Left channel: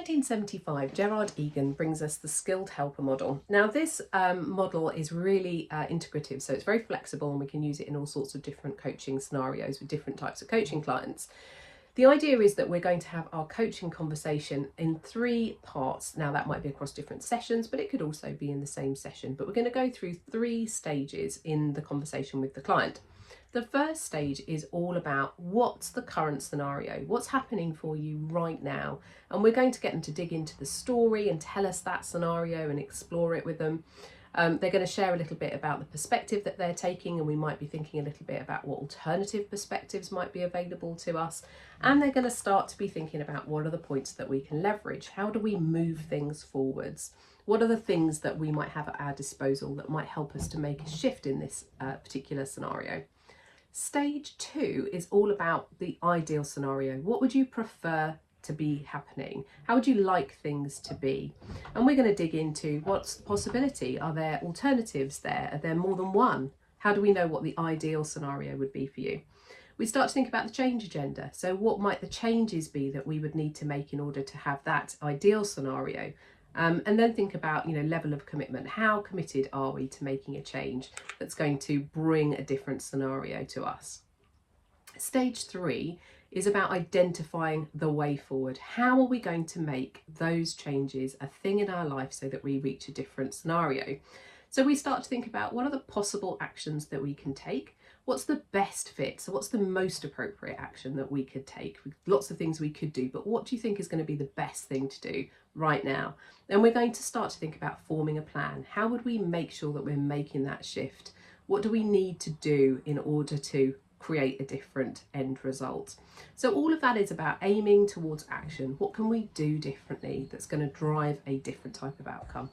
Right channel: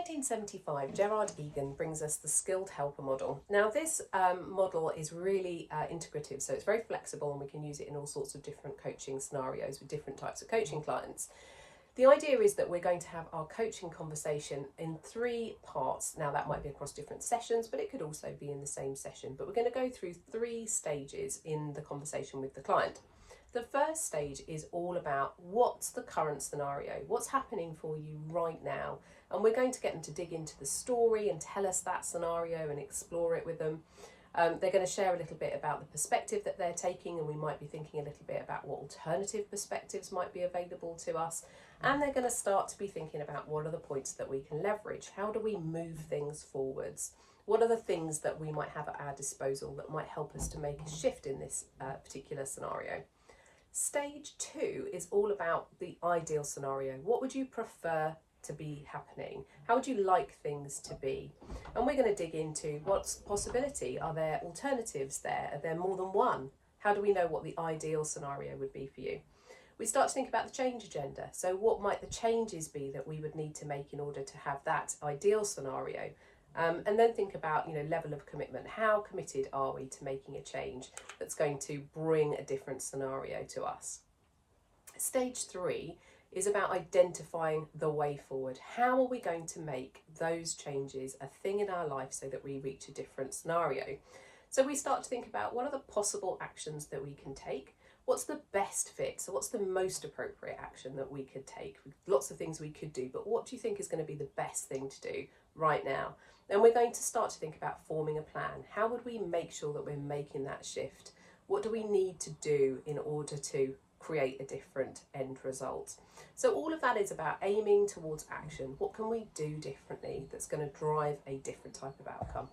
1975, Gerard Egan brings us the skilled helper model. Now this model is really integrative, so it's very flexible and we can use it in all sorts of different coaching scenarios with different types of coaching clients. The idea is that we're going to have our coaching conversation in 3 parts. Now that might be across different sessions, but it could also be in the same session. But we're going to go through 3 stages in the conversation with the client. The first stage is all about what's the current scenario, what's happening for you right now. And we're going to get them to dig into the story and tell us that scenario and explore it with them. They're going to share a little bit about the perspective that they're taking, and we might be thinking a little bit about what alternative perspectives might be available to us. And they're going to start to be thinking about what are the points that we can leverage. How do we move things forwards? What are the things that we might have at our disposal that might help us to make a shift in this particular scenario? Stage 2 is all about the ideal scenario. What would you prefer to be happening? How would you like things to be? And we're going to dig into what's the possibility. Are there alternatives there? Are there more than one? How do we know what the ideal scenario would be for you? We start to think about the change agenda. So what might the changes be that we would need to make in order to have that ideal scenario? And then think about, level of commitment. How committed are we to making a change that's going to bring a different scenario to us? Stage 3 is about identifying the way forward. How are we going to make those changes a thing in our life so that we reach a different scenario? So we start to think about what are the possible actions that we can take. What's the best fit? So what's the most appropriate action that we could take? Lots of things we could do, but what do you think is going to be the best thing to do right now? And we're going to start to think about forming a plan. How would we make sure that we're making that shift? What do we need to do in order to create a different end result? So all of that is about aiming towards action. What can we do differently that's going to drive a different type of outcome?